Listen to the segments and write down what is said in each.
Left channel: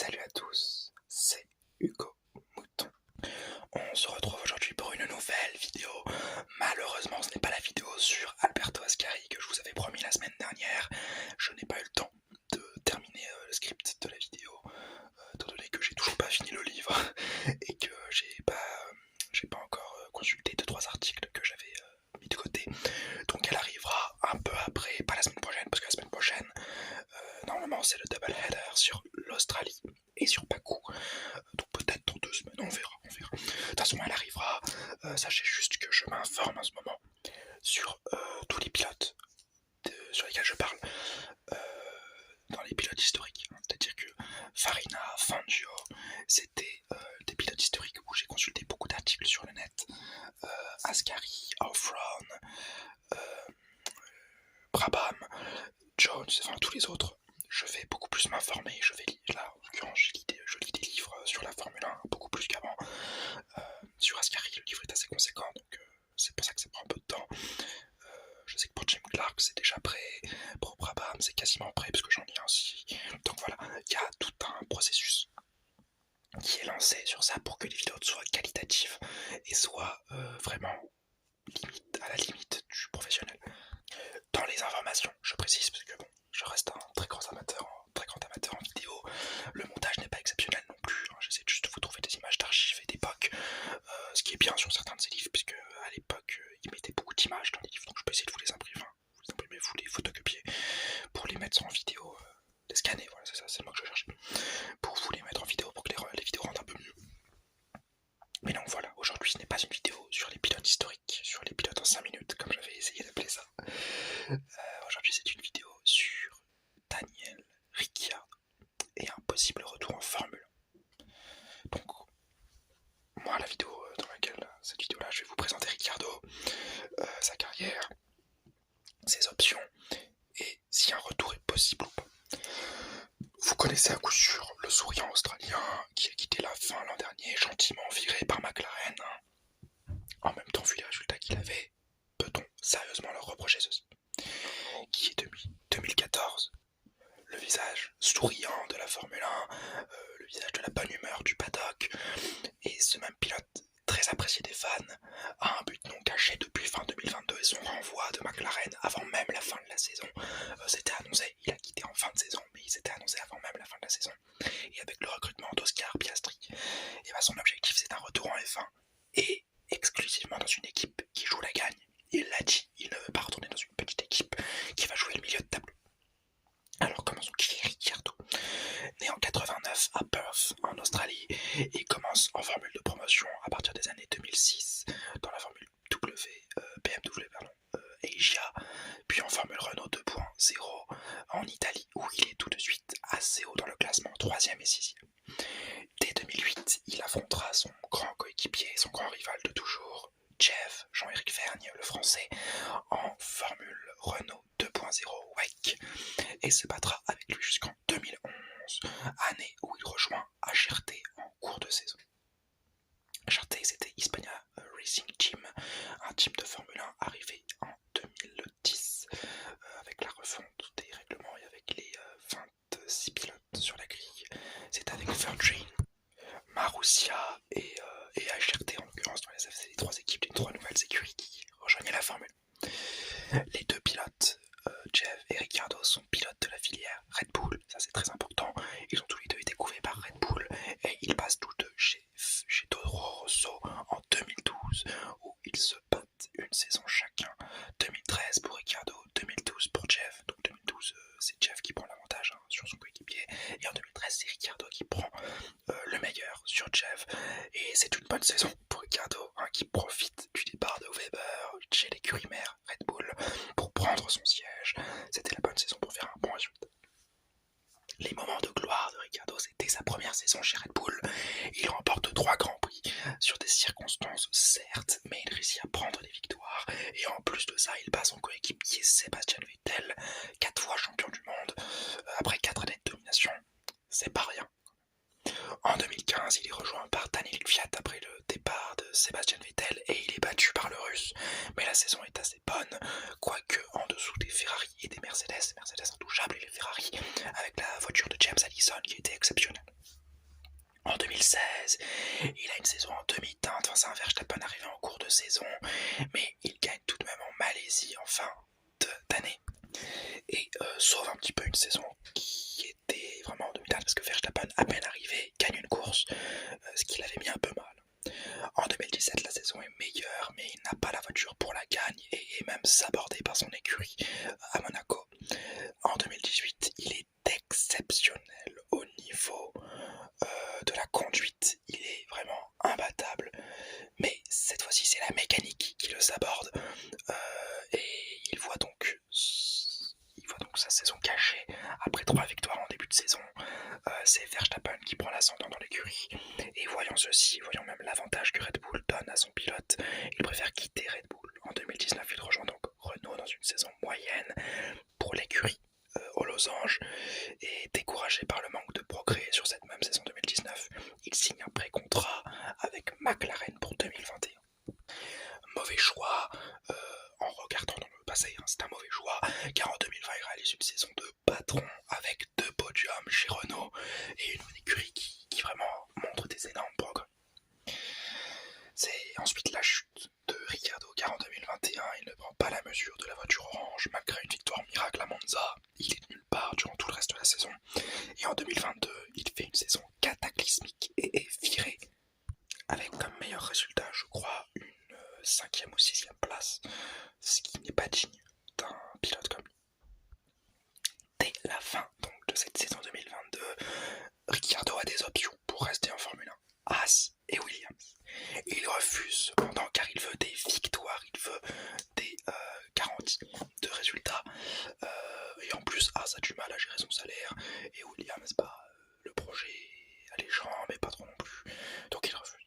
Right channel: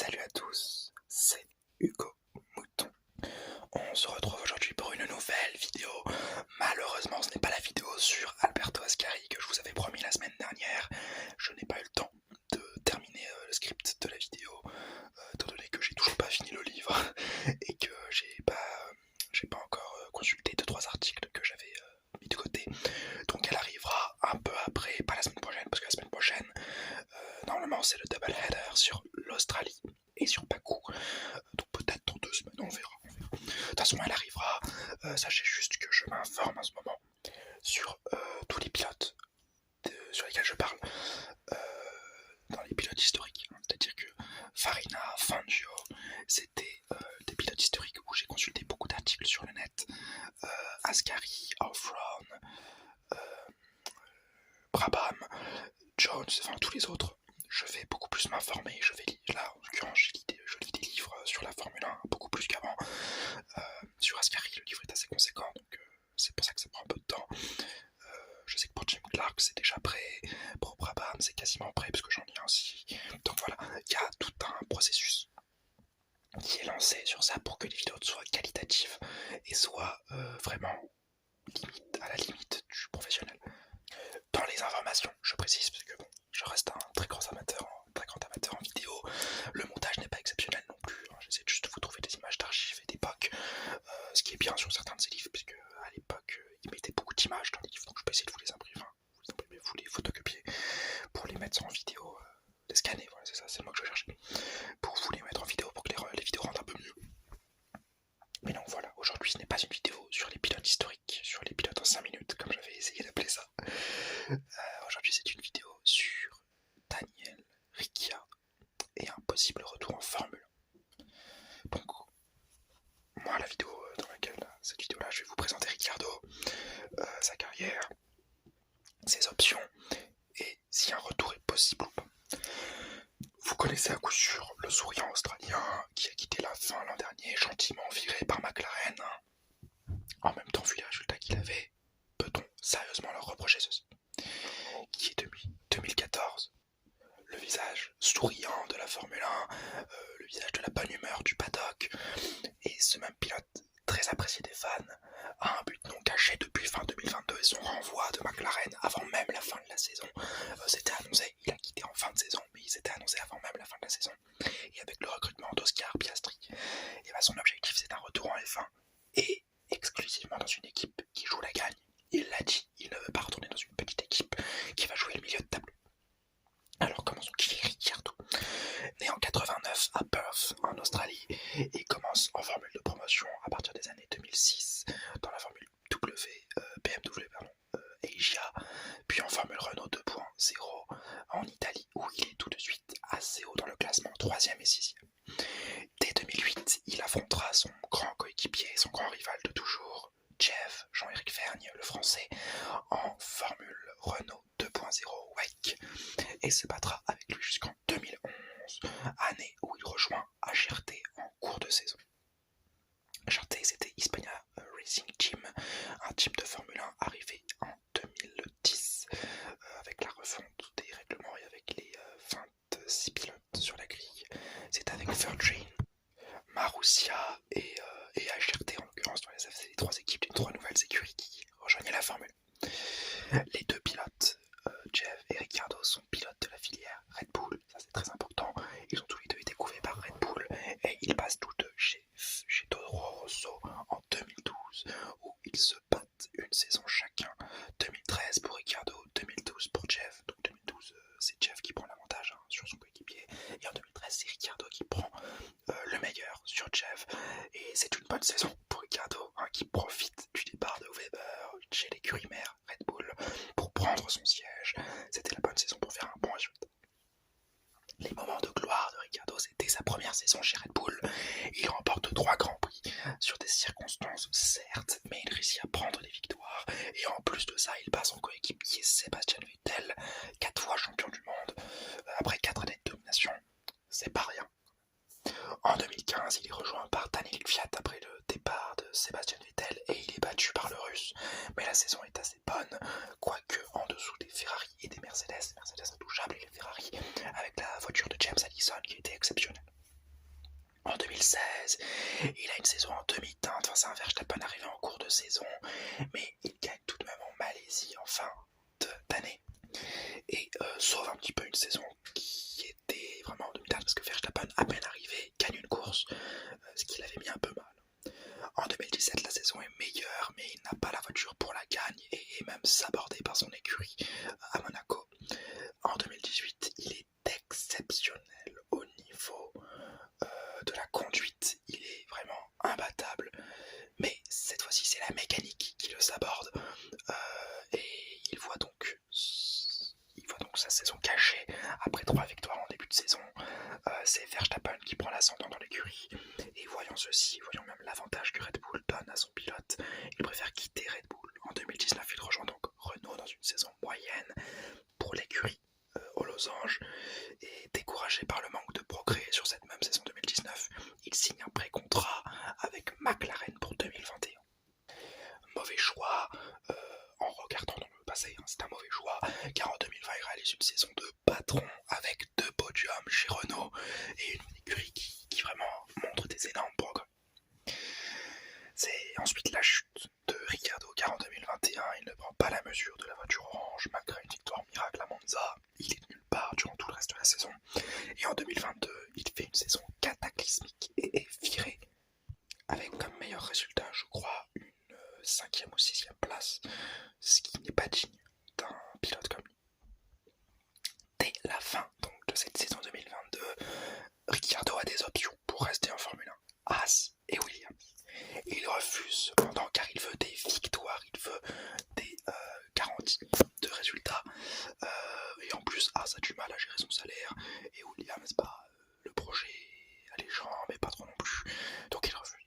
Salut à tous, c'est Hugo Mouton. On se retrouve aujourd'hui pour une nouvelle vidéo. Malheureusement, ce n'est pas la vidéo sur Alberto Ascari que je vous avais promis la semaine dernière. Je n'ai pas eu le temps de terminer le script de la vidéo, étant donné que j'ai toujours pas fini le livre et que j'ai pas encore consulté 2-3 articles que j'avais mis de côté. Donc elle arrivera un peu après, pas la semaine prochaine, parce que la semaine prochaine, normalement c'est le double header sur l'Australie et sur Bakou. Donc peut-être dans 2 semaines, on verra. De toute façon elle arrivera. Sachez juste que je m'informe en ce moment sur tous les pilotes sur lesquels je parle, dans les pilotes historiques. C'est-à-dire que Farina, Fangio, c'était des pilotes historiques où j'ai consulté beaucoup d'articles sur le net. Ascari, Offron, Brabham, Jones, enfin tous les autres. Je vais beaucoup plus m'informer. Là en l'occurrence, je lis des livres sur la Formule 1 beaucoup plus qu'avant. Sur Ascari, le livre est assez conséquent, donc c'est pour ça que ça prend un peu de temps. Je sais que pour Jim Clark, c'est déjà prêt. Pour Brabham, c'est quasiment prêt parce que j'en lis un aussi. Donc voilà, il y a tout un processus qui est lancé sur ça pour que les vidéos soient qualitatives et soient vraiment à la limite du professionnel. Dans les informations, je précise, parce que bon, je reste un très grand amateur en vidéo. Le montage n'est pas exceptionnel non plus. J'essaie juste de vous trouver des images d'archives et d'époque, ce qui est bien sur certains de ces livres, puisque à l'époque, ils mettaient beaucoup d'images dans les livres, donc je peux essayer de vous les imprimer, vous les photocopier pour les mettre en vidéo, les scanner, voilà, c'est ça, c'est le mot que je cherche, pour vous les mettre en vidéo, pour que les vidéos rendent un peu mieux. Mais donc voilà, aujourd'hui ce n'est pas une vidéo sur les pilotes historiques, sur les pilotes en 5 minutes, comme j'avais essayé d'appeler ça. Aujourd'hui c'est une vidéo sur Daniel Ricciardo et un possible retour en Formule 1. Donc, moi la vidéo cette vidéo là, je vais vous présenter Ricciardo, sa carrière, ses options, et si un retour est possible ou pas. Vous connaissez à coup sûr le souriant australien qui a quitté la fin l'an dernier, gentiment viré par McLaren. En même temps, vu les résultats qu'il avait, peut-on sérieusement leur reprocher ceci? Qui est depuis 2014 le visage souriant de la Formule 1, le visage de la bonne humeur du paddock, et ce même pilote très apprécié des fans a un but non caché depuis fin 2022 et son renvoi de McLaren avant même la fin de la saison. C'était annoncé, il a quitté en fin de saison, mais il s'était annoncé avant même la fin de la saison. Et avec le recrutement d'Oscar Piastri, et son objectif c'est un retour en F1 et exclusivement dans une équipe qui joue la gagne. Il l'a dit, il ne veut pas retourner dans une petite équipe qui va jouer le milieu de tableau. Alors commençons, qui est Ricciardo? Né en 89 à Perth en Australie et commence en formule de promotion à partir des années 2006 dans la formule BMW Asia, puis en formule Renault 2.0 en Italie où il est tout de suite assez haut dans le classement, 3e et 6e. Dès 2008, il affrontera son grand coéquipier, son grand rival de toujours, Jean-Éric Vergne, le français, en formule Renault 2.0 WEC, et se battra avec lui jusqu'en 2011, année où il rejoint HRT en cours de saison. HRT, c'était Hispania Racing Team, un team de Formule 1 arrivé en 2010, avec la refonte des règlements et avec les 26 pilotes sur la grille. C'est avec Virgin, Marussia et HRT en l'occurrence, c'est les 3 équipes d'une 3 nouvelles écuries qui rejoignaient la Formule. Les 2 pilotes, Jeff et Ricciardo, sont pilotes de la filière Red Bull, ça c'est très important. Ils ont tous les deux été couverts par Red Bull et ils passent tous deux chez Toro Rosso en 2012 où ils se battent une saison chacun. 2013 pour Ricciardo, 2012 pour Jeff. Donc 2012 c'est Jeff qui prend l'avantage sur son coéquipier et en 2013 c'est Ricciardo qui prend le meilleur sur Jeff. Et c'est une bonne saison pour Ricciardo qui profite du départ de Weber chez l'écurie mère Red Bull pour prendre son siège. C'était la bonne saison pour faire un bon résultat. Les moments de gloire de Ricciardo, c'était sa première saison chez Red Bull. Il remporte 3 grands prix sur des circonstances certes, mais il réussit à prendre des victoires. Et en plus de ça, il bat son coéquipier Sébastien Vettel, 4 fois champion du monde, après 4 années de domination. C'est pas rien. En 2015, il est rejoint par Daniel Kvyat après le départ de Sébastien Vettel et il est battu par le Russe. Mais la saison est assez bonne, quoique en dessous des Ferrari et des Mercedes intouchables et les Ferrari avec la voiture de James Allison qui était exceptionnelle. Il a une saison en demi-teinte, enfin, c'est un Verstappen arrivé en cours de saison, mais il gagne tout de même en Malaisie en fin d'année. Et sauve un petit peu une saison qui était vraiment en demi-teinte, parce que Verstappen, à peine arrivé, gagne une course, ce qui l'avait mis un peu mal. En 2017, la saison est meilleure, mais il n'a pas la voiture pour la gagne et est même sabordé par son écurie à Monaco. En 2018, il est exceptionnel au niveau de la conduite. Il est vraiment imbattable. Mais cette fois-ci, c'est la mécanique qui le saborde. Et il voit donc sa saison cachée. Après 3 victoires en début de saison, c'est Verstappen qui prend l'ascendant dans l'écurie. Et voyons ceci, voyons même l'avantage que Red Bull donne à son pilote. Il préfère quitter Red Bull. En 2019, il rejoint donc Renault dans une saison moyenne pour l'écurie aux losanges. Et découragé par le manque de progrès sur cette même saison 2019, il signe un pré-contrat avec McLaren pour 2021. Mauvais choix, en regardant dans le passé, c'est un mauvais choix, car en 2020 il réalise une saison de patron avec 2 podiums chez Renault et une écurie qui vraiment montre des énormes progrès. C'est ensuite la chute de Ricciardo, car en 2021 il ne prend pas la mesure de la voiture orange malgré une victoire miracle à Monza. Il est nulle part durant tout le reste de la saison. Et en 2022, il fait une saison cataclysmique et est viré avec comme meilleur résultat, je crois, une 5e ou 6e place, ce qui n'est pas digne d'un pilote comme lui. Dès la fin donc, de cette saison 2022, Ricciardo a des options pour rester en Formule 1, Haas et Williams. Et il refuse cependant car il veut des victoires, il veut des garanties de résultats. Et en plus, Haas a du mal à gérer son salaire. Et Williams, le projet est alléchant, mais pas trop non plus. Donc il refuse.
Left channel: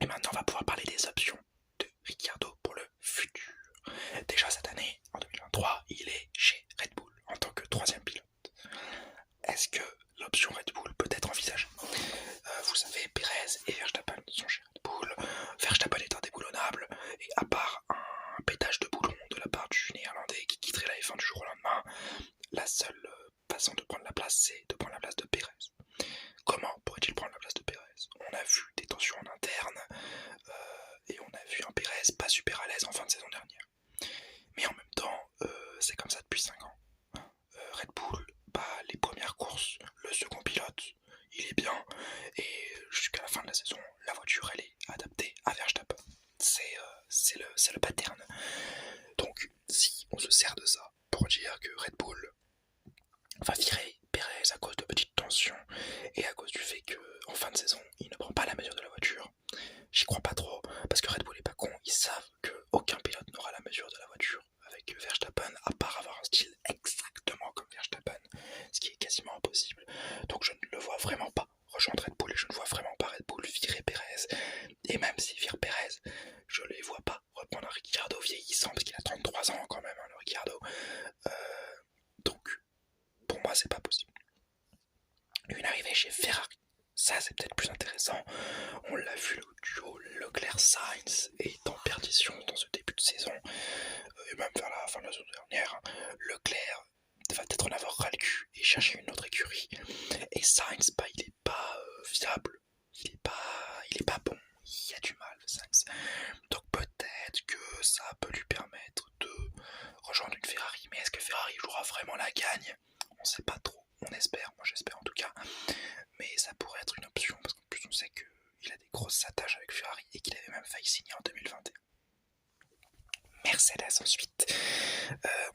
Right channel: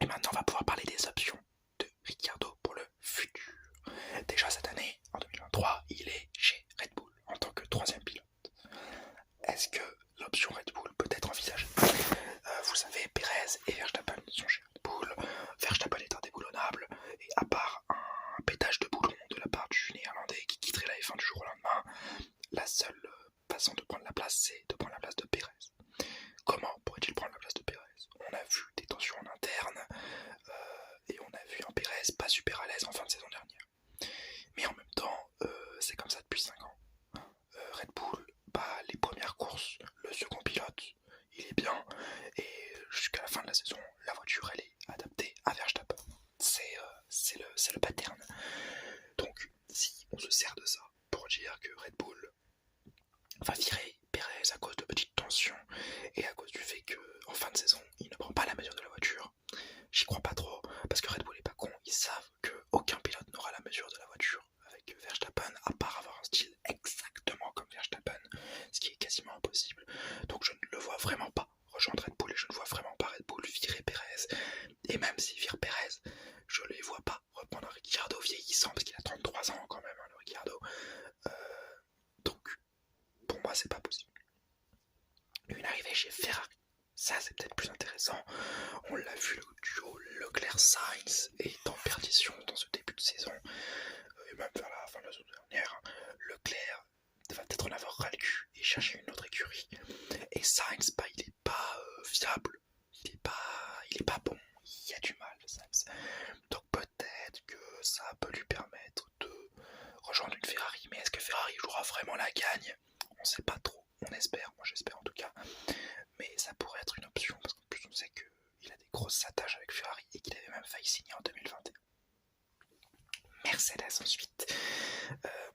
Et maintenant, on va pouvoir parler des options de Ricciardo pour le futur. Déjà cette année, en 2023, il est chez Red Bull en tant que 3e pilote. Est-ce que l'option Red Bull peut être envisagée? Vous savez, Perez et Verstappen sont chez Red Bull. Verstappen est indéboulonnable, et à part un pétage de boulon de la part du néerlandais qui quitterait la F1 du jour au lendemain, la seule façon de prendre la place, c'est de prendre la place de Perez. Comment pourrait-il prendre la place de Perez? On a vu des tensions en interne, et on a vu un Perez pas super à l'aise en fin de saison dernière. Mais en même temps, c'est comme ça depuis 5 ans. Red Bull, les premières courses, le second pilote, il est bien, et jusqu'à la fin de la saison, la voiture elle est adaptée à Verstappen. C'est le pattern. Donc si on se sert de ça pour dire que Red Bull va virer Perez à cause de petites tensions et à cause du fait qu'en fin de saison, il ne prend pas la mesure de la voiture, j'y crois pas trop, parce que Red Bull est pas con, ils savent qu'aucun pilote n'aura la mesure de la voiture avec Verstappen, à part avoir un style exactement comme Verstappen, ce qui est quasiment impossible. Donc je ne le vois vraiment pas rejoindre Red Bull, et je ne vois vraiment pas Red Bull virer Perez. Et même s'il vire Perez, je ne les vois pas reprendre un Ricciardo vieillissant, parce qu'il a 33 ans quand même, le Ricciardo. Donc, pour moi, c'est pas possible. Une arrivée chez Ferrari, ça c'est peut-être plus intéressant. On l'a vu, le duo Leclerc-Sainz est en perdition dans ce début de saison, et même vers la fin de la saison dernière. Leclerc va peut-être en avoir ras le cul et chercher une autre écurie. Et Sainz, il est pas fiable, il est pas bon, il y a du mal, Sainz. Donc peut-être que ça peut lui permettre de rejoindre une Ferrari, mais est-ce que Ferrari jouera vraiment la gagne? On sait pas trop, on espère, moi j'espère en tout cas. Mais ça pourrait être une option, parce qu'en plus on sait qu'il a des grosses attaches avec Ferrari et qu'il avait même failli signer en 2021. Mercedes ensuite.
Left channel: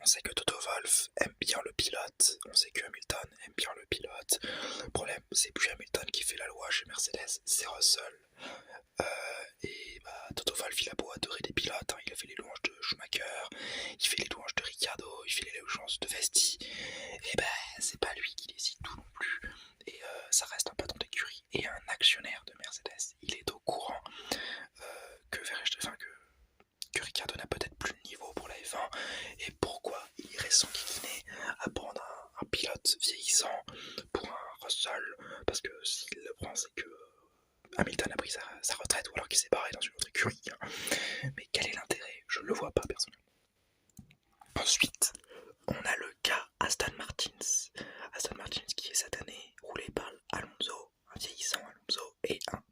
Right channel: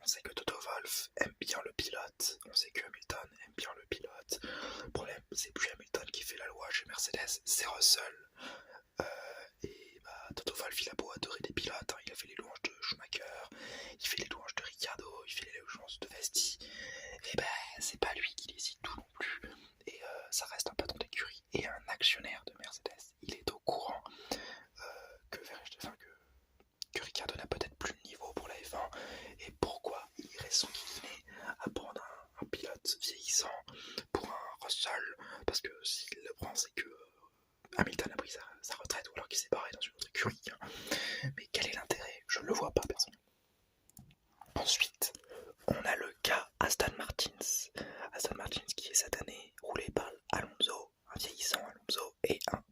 On sait que Toto Wolff aime bien le pilote, on sait que Hamilton aime bien le pilote. Le problème, c'est plus Hamilton qui fait la loi chez Mercedes, c'est Russell. Et Toto Wolff, il a beau adorer des pilotes, il a fait les louanges de Schumacher, il fait les louanges de Ricciardo, il fait les louanges de Vesti. Et c'est pas lui qui décide tout non plus. Et ça reste un patron d'écurie et un actionnaire de Mercedes. Il est au courant que Ricciardo n'a peut-être plus le niveau pour la F1, et pourquoi il irait s'enquiquiner à prendre un pilote vieillissant pour un Russell, parce que s'il le prend, c'est que Hamilton a pris sa retraite, ou alors qu'il s'est barré dans une autre écurie. Mais quel est l'intérêt? Je ne le vois pas personnellement. Ensuite, on a le cas Aston Martin. Aston Martin qui est cette année roulé par Alonso, un vieillissant Alonso, et un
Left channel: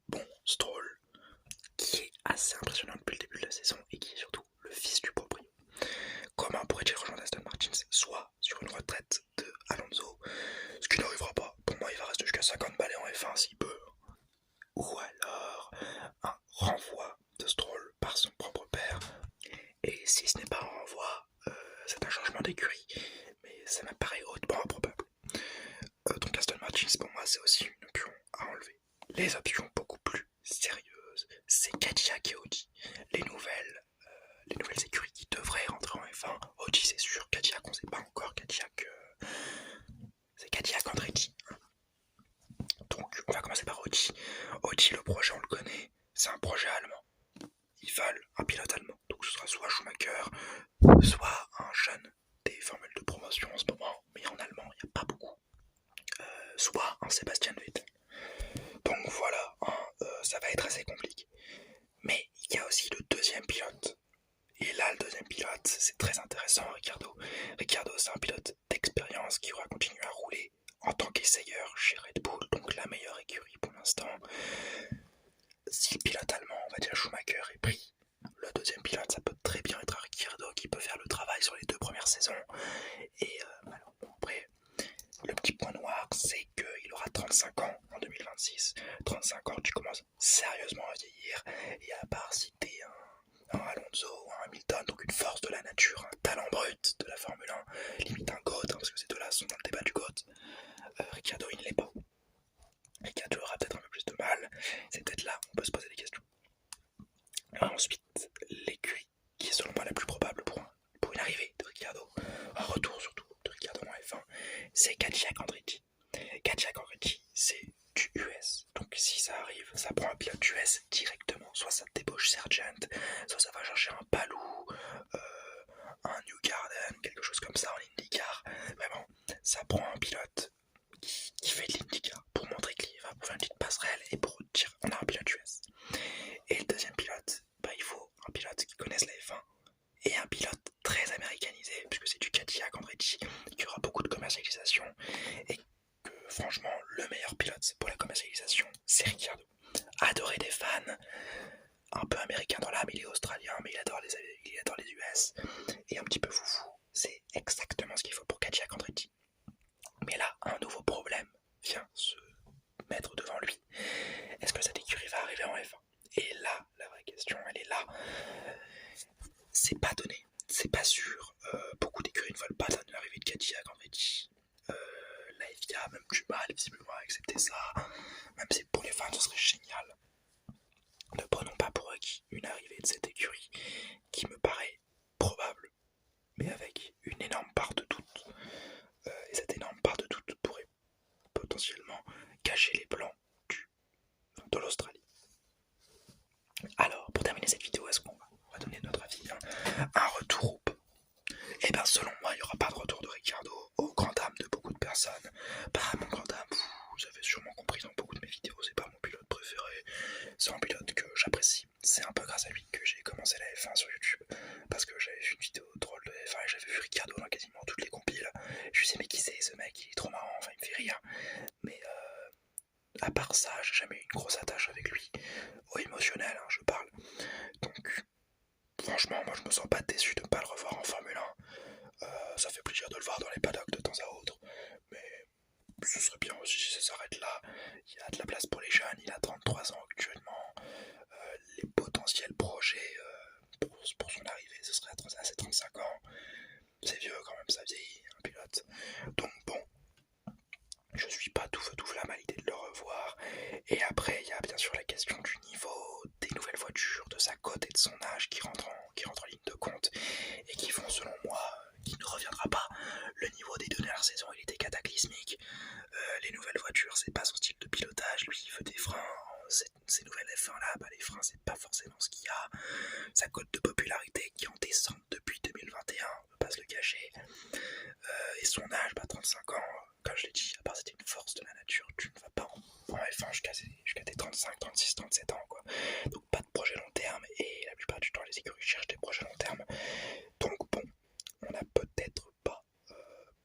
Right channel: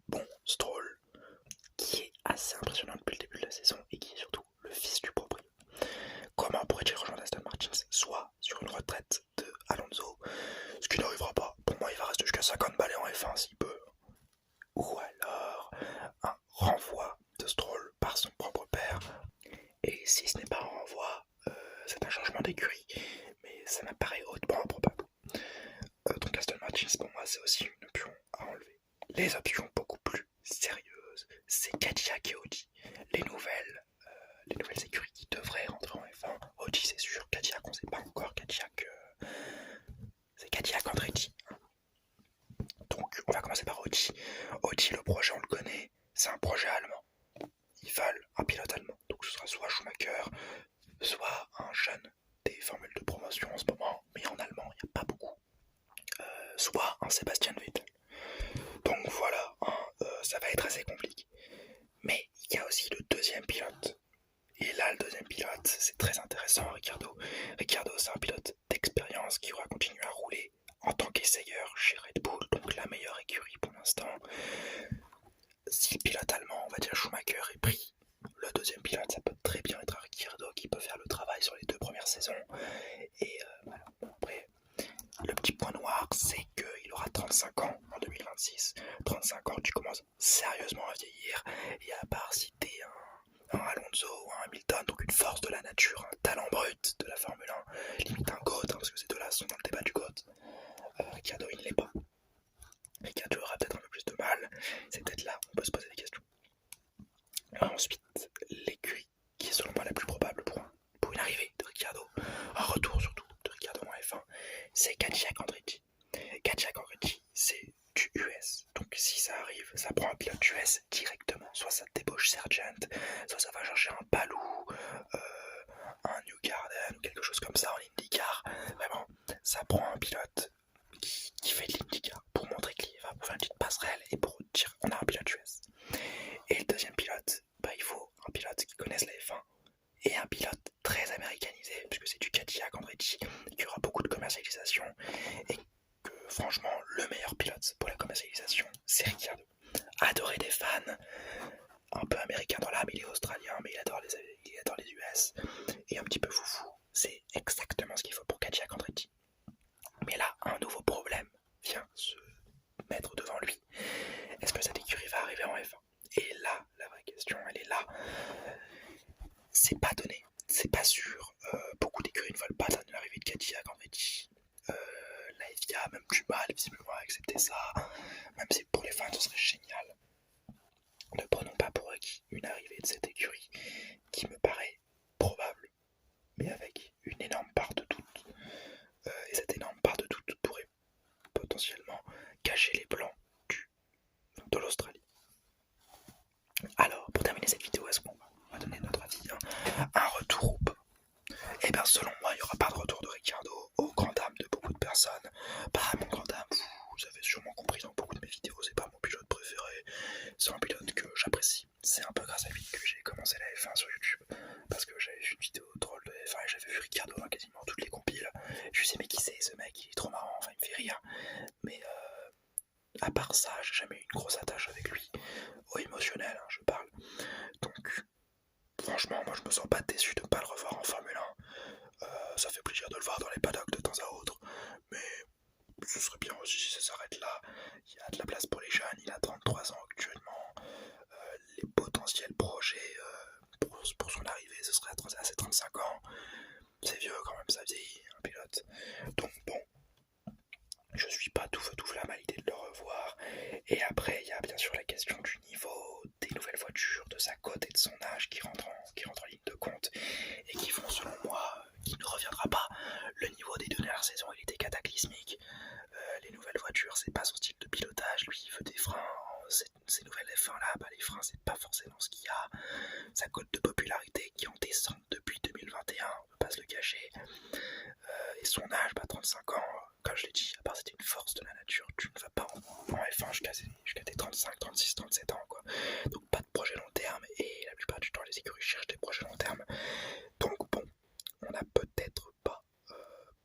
les options beaucoup plus sérieuses, c'est Cadillac et Audi. Les nouvelles écuries qui devraient rentrer en F1. Audi c'est sûr, Cadillac on sait pas encore, Cadillac c'est Cadillac Andretti. Donc on va commencer par Audi. Audi, le projet on le connaît, c'est un projet allemand. Ils veulent un pilote allemand. Donc ce sera soit Schumacher, soit un jeune des formules de promotion en ce moment, mais en allemand il n'y a pas beaucoup. Soit un Sébastien Vettel. Donc voilà, ça va être assez compliqué. Mais il y a aussi le deuxième pilote. Et là, le deuxième pilote, c'est très intéressant, Ricciardo. Ricciardo, c'est un pilote d'expérience qui aura continué à rouler en tant qu'essayeur chez Red Bull, donc la meilleure écurie pour l'instant. Si le pilote allemand, on va dire Schumacher, est pris, le deuxième pilote, ça peut très bien être Ricciardo qui peut faire le travail sur les 2 premières saisons. Et voilà. Après, le petit point noir, c'est qu'il aura 35 ans en 2026. 35 ans, tu commences sérieusement à vieillir. Et à part si t'es un Alonso ou un Hamilton, donc une force de la nature, un talent brut de la Formule 1, limite un GOAT, parce que ces deux-là sont dans le débat du GOAT, Ricciardo, il ne l'est pas. Ricciardo aura peut-être un peu plus de mal. C'est peut-être là où on peut se poser la question. Ensuite, l'écurie qui est selon moi la plus probable pour une arrivée de Ricciardo, un retour surtout de Ricciardo en F1, c'est Cadillac Andretti. Cadillac Andretti, c'est du US. Donc si ça arrive, ça prend un pilote US directement. Soit ça débauche Sargent, soit ça va chercher un Palou, un New Garden, quelque chose comme ça en IndyCar. Vraiment, ça prend un pilote qui fait de l'IndyCar pour montrer qu'il va pour faire une petite passerelle et pour dire on a un pilote US. Et le deuxième pilote, il faut un pilote qui connaisse la F1 et un pilote très américanisé, puisque c'est du Cadillac Andretti, qui aura beaucoup de commercialisation et que franchement le meilleur pilote pour la commercialisation c'est Ricciardo. Adoré des fans, un peu américain dans l'âme, il est australien mais il adore les US et un petit peu foufou, c'est exactement ce qu'il faut pour Cadillac Andretti. Mais là un nouveau problème vient se mettre devant lui. Est-ce que cette écurie va arriver en F1? Et là, la vraie question, elle est là. C'est pas donné, c'est pas sûr. Beaucoup d'écuries ne veulent pas l'arrivée de Cadillac Andretti. La FIA a même du mal visiblement à accepter ça. Même si pour les fans ce serait génial. Ne prenons pas pour acquis une arrivée de cette écurie qui me paraît probable, mais avec une énorme part de doute. Et cette énorme part de doute pourrait potentiellement cacher les plans de l'Australie. Alors, pour terminer cette vidéo, est-ce qu'on va donner notre avis, un retour ou pas? Et bien selon moi, il n'y aura pas de retour de Ricciardo, au grand dam de beaucoup de personnes. Pas mon grand dam, vous avez sûrement compris dans beaucoup de mes vidéos, c'est pas mon pilote préféré. C'est un pilote que j'apprécie. C'est un peu grâce à lui que j'ai commencé la F1 sur YouTube. Parce que j'avais vu une vidéo drôle de F1 et j'avais vu Ricciardo dans quasiment toutes les compiles. Je me disais mais qui c'est ce mec, il est trop marrant, enfin il me fait rire. Mais à part ça, j'ai jamais eu une grosse attache avec lui. Au émotionnel, je parle. Donc franchement, moi je me sens pas déçu de ne pas le revoir en Formule 1. Ça fait plaisir de le voir dans les paddocks de temps à autre. Mais ce serait bien aussi si ça s'arrête là. Il y a de la place pour les jeunes, il a 33 ans actuellement. Les potentiels projets pour son arrivée, ce serait à ses 35 ans. C'est vieux quand même, ça vieillit, un pilote. Donc bon, je suis pas tout feu tout flamme à l'idée de le revoir. Et après, il y a bien sûr la question du niveau, des nouvelles voitures, de sa cote et de son âge qui rentrent en ligne de compte et qui font, selon moi, qui ne reviendra pas. Le niveau des dernières saisons, il était cataclysmique. Les nouvelles voitures, c'est pas son style de pilotage. Lui, il veut des freins. Ces nouvelles F1 là, les freins, c'est pas forcément ce qu'il y a. Sa cote de popularité qui est en descente depuis 2021, on peut pas se le cacher. Et son âge, 35 ans, comme je l'ai dit, à part c'était une force de la nature, tu ne vas pas en F1 jusqu'à tes 35, 36, 37 ans, quoi. Donc pas de projet long terme, et la plupart du temps, les écuries cherchent des projets long terme. Donc bon, on n'a peut-être pas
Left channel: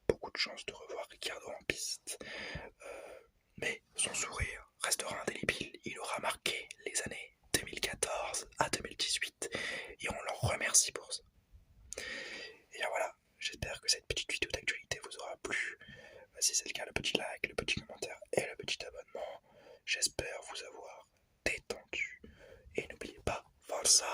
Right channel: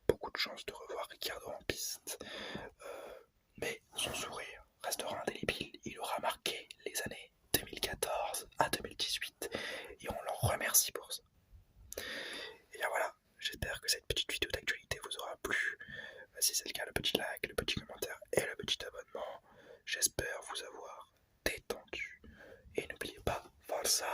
beaucoup de chance de revoir Ricciardo en piste, mais son sourire restera indélébile. Il aura marqué les années 2014 à 2018, et on l'en remercie pour ça. Et bien voilà, j'espère que cette petite vidéo d'actualité vous aura plu. Si c'est le cas, le petit like, le petit commentaire et le petit abonnement. J'espère vous avoir détendu. Et n'oubliez pas, forza,